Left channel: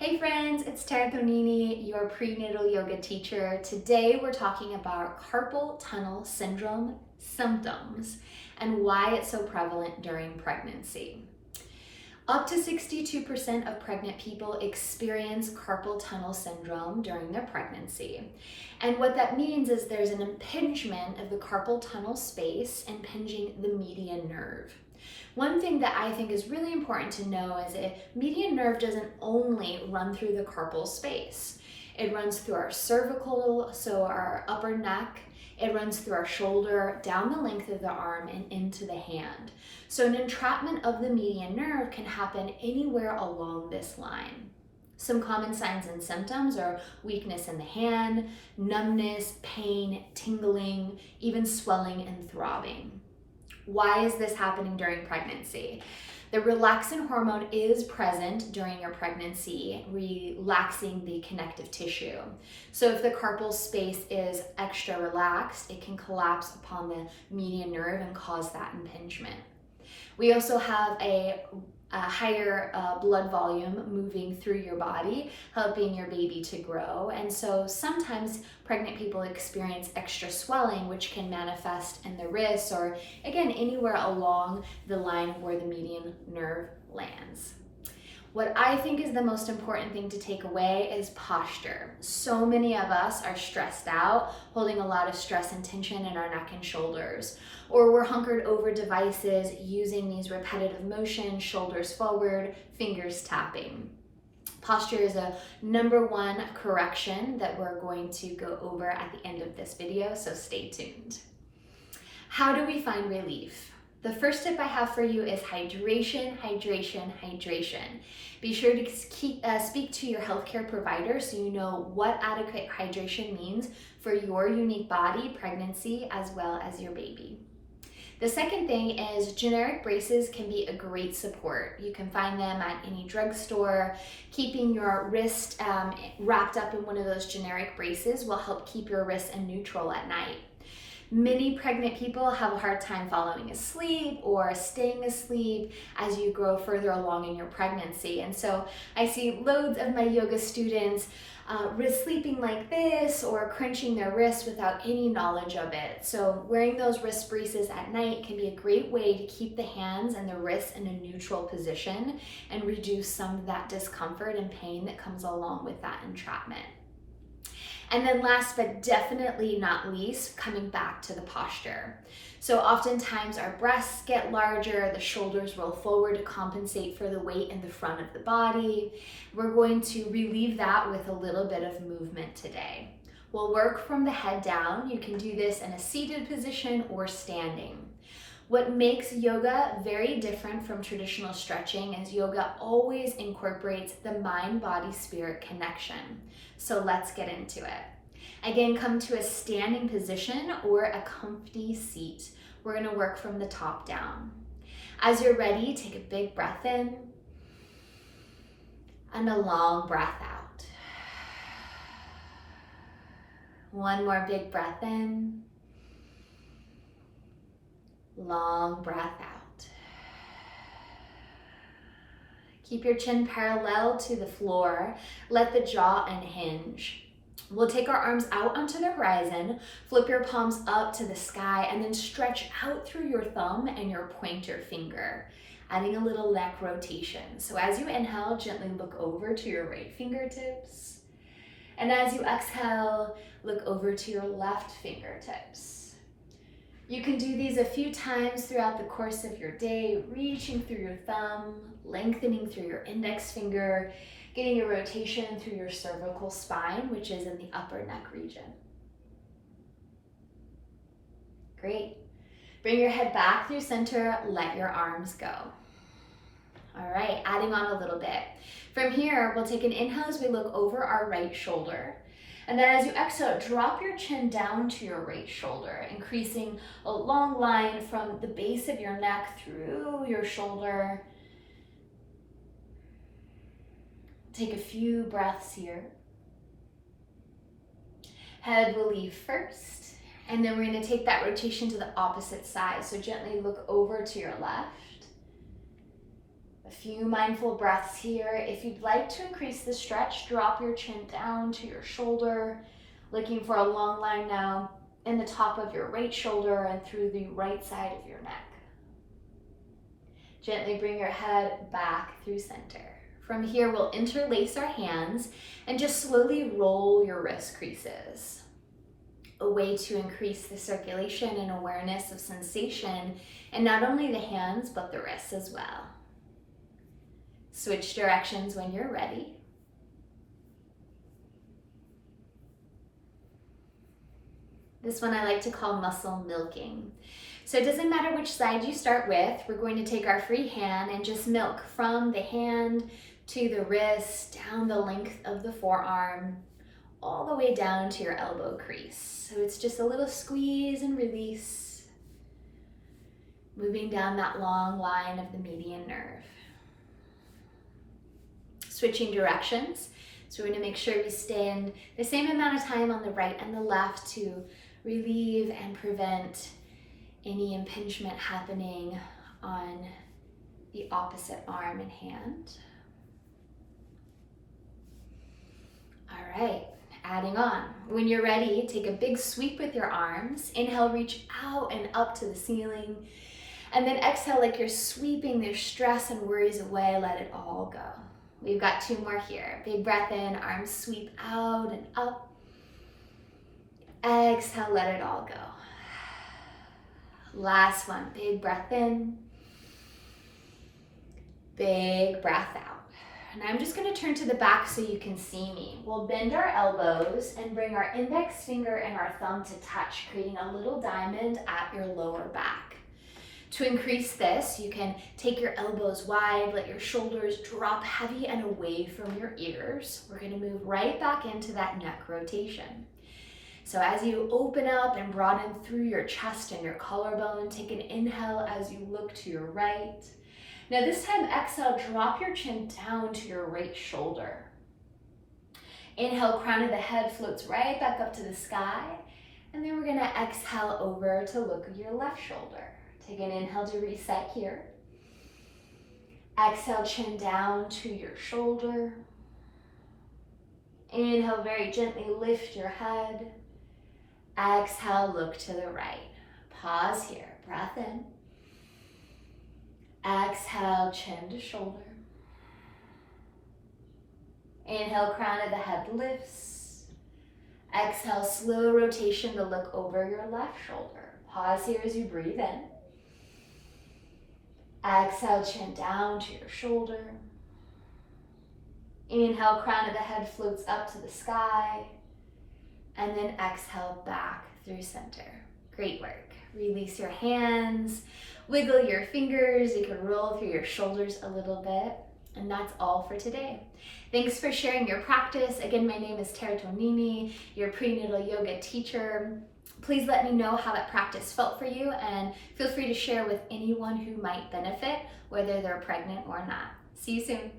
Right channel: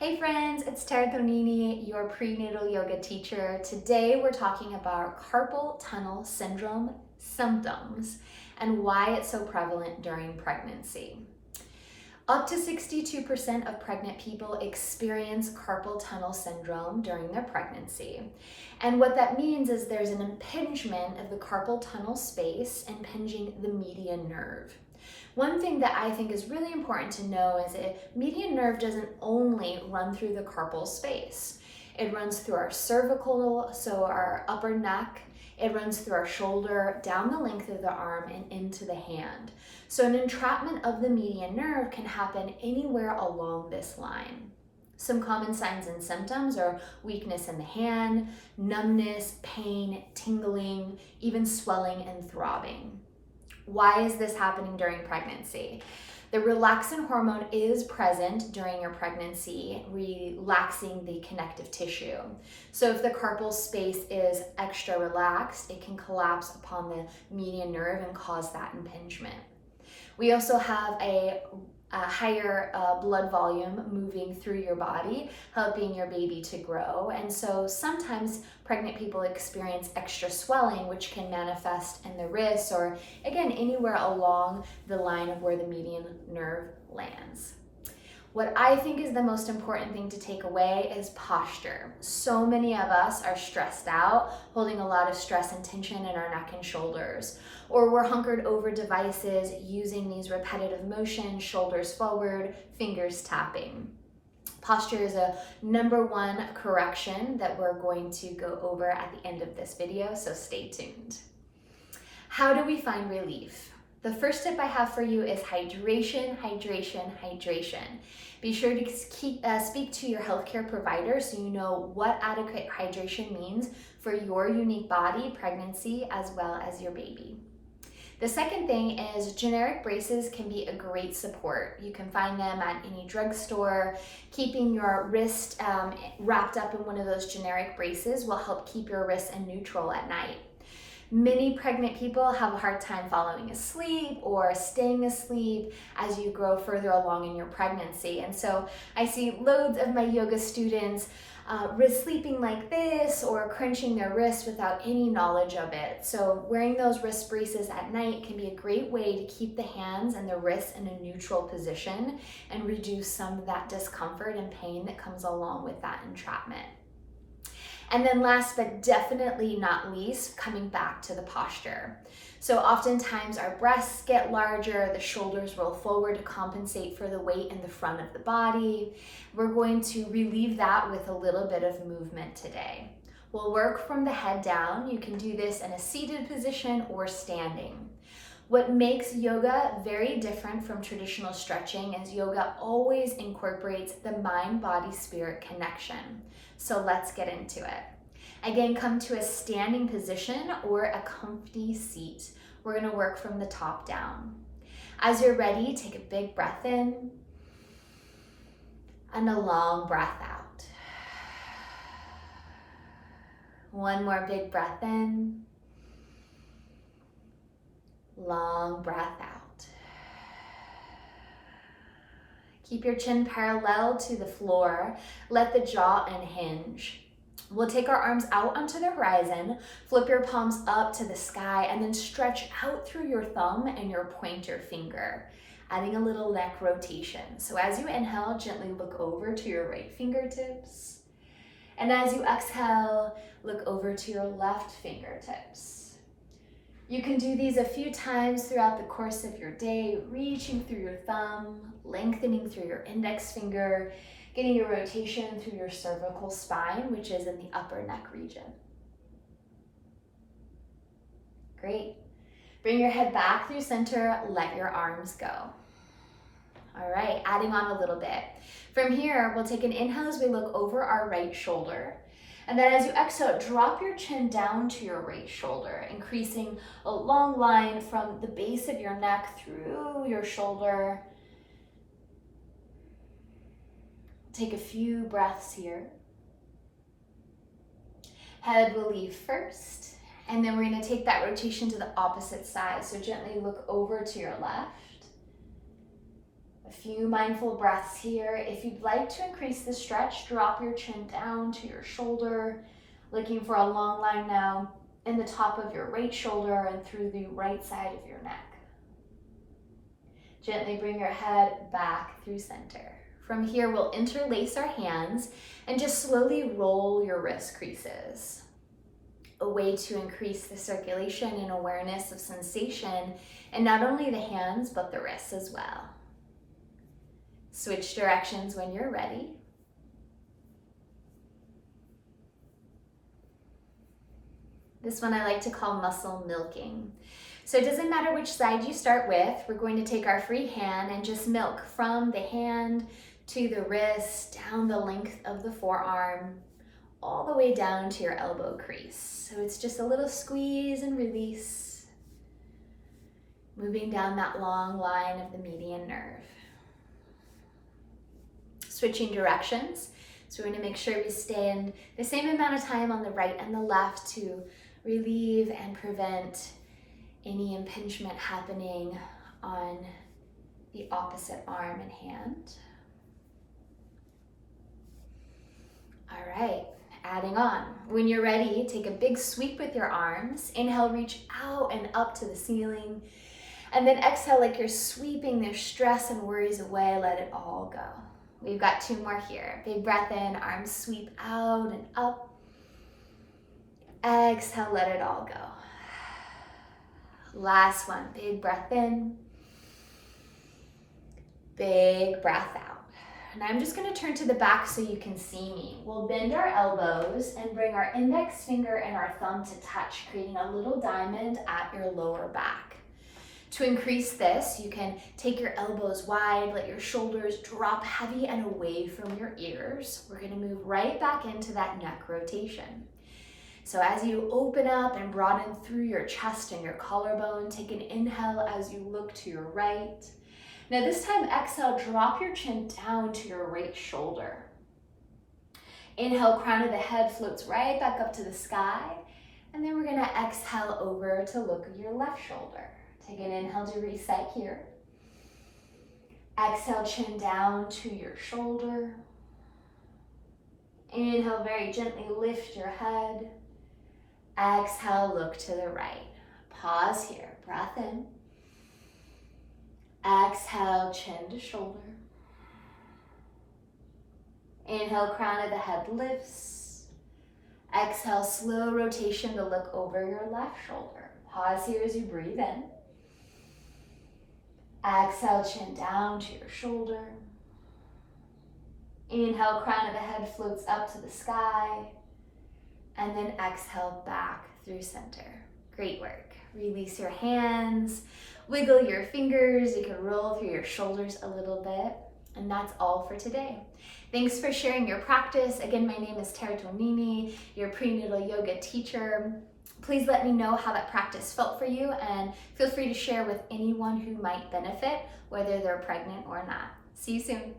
Hey friends, it's Tara Thonini, your prenatal yoga teacher. Today we're talking about carpal tunnel syndrome symptoms and why it's so prevalent during pregnancy. Up to 62% of pregnant people experience carpal tunnel syndrome during their pregnancy. And what that means is there's an impingement of the carpal tunnel space impinging the median nerve. One thing that I think is really important to know is that median nerve doesn't only run through the carpal space. It runs through our cervical, so our upper neck. It runs through our shoulder, down the length of the arm, and into the hand. So an entrapment of the median nerve can happen anywhere along this line. Some common signs and symptoms are weakness in the hand, numbness, pain, tingling, even swelling and throbbing. Why is this happening during pregnancy? The relaxin hormone is present during your pregnancy, relaxing the connective tissue. So if the carpal space is extra relaxed, it can collapse upon the median nerve and cause that impingement. We also have a higher blood volume moving through your body, helping your baby to grow. And so sometimes pregnant people experience extra swelling, which can manifest in the wrists or again, anywhere along the line of where the median nerve lands. What I think is the most important thing to take away is posture. So many of us are stressed out, holding a lot of stress and tension in our neck and shoulders, or we're hunkered over devices using these repetitive motions, shoulders forward, fingers tapping. Posture is a number one correction that we're going to go over at the end of this video, so stay tuned. How do we find relief? The first tip I have for you is hydration, hydration, hydration. Be sure to speak to your healthcare provider so you know what adequate hydration means for your unique body, pregnancy, as well as your baby. The second thing is generic braces can be a great support. You can find them at any drugstore. Keeping your wrist wrapped up in one of those generic braces will help keep your wrist in neutral at night. Many pregnant people have a hard time falling asleep or staying asleep as you grow further along in your pregnancy. And so I see loads of my yoga students sleeping like this or crunching their wrists without any knowledge of it. So wearing those wrist braces at night can be a great way to keep the hands and the wrists in a neutral position and reduce some of that discomfort and pain that comes along with that entrapment. And then last but definitely not least, coming back to the posture. So oftentimes our breasts get larger, the shoulders roll forward to compensate for the weight in the front of the body. We're going to relieve that with a little bit of movement today. We'll work from the head down. You can do this in a seated position or standing. What makes yoga very different from traditional stretching is yoga always incorporates the mind-body-spirit connection. So let's get into it. Again, come to a standing position or a comfy seat. We're gonna work from the top down. As you're ready, take a big breath in and a long breath out. One more big breath in. Long breath out. Keep your chin parallel to the floor. Let the jaw unhinge. We'll take our arms out onto the horizon, flip your palms up to the sky, and then stretch out through your thumb and your pointer finger, adding a little neck rotation. So as you inhale, gently look over to your right fingertips. And as you exhale, look over to your left fingertips. You can do these a few times throughout the course of your day, reaching through your thumb, lengthening through your index finger, getting a rotation through your cervical spine, which is in the upper neck region. Great. Bring your head back through center, let your arms go. All right, adding on a little bit. From here, we'll take an inhale as we look over our right shoulder. And then as you exhale, drop your chin down to your right shoulder, increasing a long line from the base of your neck through your shoulder. Take a few breaths here. Head will leave first, and then we're going to take that rotation to the opposite side. So gently look over to your left. A few mindful breaths here. If you'd like to increase the stretch, drop your chin down to your shoulder, looking for a long line now in the top of your right shoulder and through the right side of your neck. Gently bring your head back through center. From here, we'll interlace our hands and just slowly roll your wrist creases. A way to increase the circulation and awareness of sensation in not only the hands, but the wrists as well. Switch directions when you're ready. This one I like to call muscle milking. So it doesn't matter which side you start with, we're going to take our free hand and just milk from the hand to the wrist, down the length of the forearm, all the way down to your elbow crease. So it's just a little squeeze and release, moving down that long line of the median nerve. Switching directions. So we're going to make sure we stand the same amount of time on the right and the left to relieve and prevent any impingement happening on the opposite arm and hand. All right, adding on. When you're ready, take a big sweep with your arms. Inhale, reach out and up to the ceiling. And then exhale like you're sweeping their stress and worries away. Let it all go. We've got 2 more here. Big breath in, arms sweep out and up. Exhale, let it all go. Last one, big breath in. Big breath out. And I'm just gonna turn to the back so you can see me. We'll bend our elbows and bring our index finger and our thumb to touch, creating a little diamond at your lower back. To increase this, you can take your elbows wide, let your shoulders drop heavy and away from your ears. We're gonna move right back into that neck rotation. So as you open up and broaden through your chest and your collarbone, take an inhale as you look to your right. Now this time, exhale, drop your chin down to your right shoulder. Inhale, crown of the head floats right back up to the sky. And then we're gonna exhale over to look at your left shoulder. Take an inhale to reset here. Exhale, chin down to your shoulder. Inhale, very gently lift your head. Exhale, look to the right. Pause here, breath in. Exhale, chin to shoulder. Inhale, crown of the head lifts. Exhale, slow rotation to look over your left shoulder. Pause here as you breathe in. Exhale, chin down to your shoulder. Inhale, crown of the head floats up to the sky. And then exhale back through center. Great work. Release your hands, wiggle your fingers. You can roll through your shoulders a little bit. And that's all for today. Thanks for sharing your practice. Again, my name is Tara Tonini, your prenatal yoga teacher. Please let me know how that practice felt for you, and feel free to share with anyone who might benefit, whether they're pregnant or not. See you soon.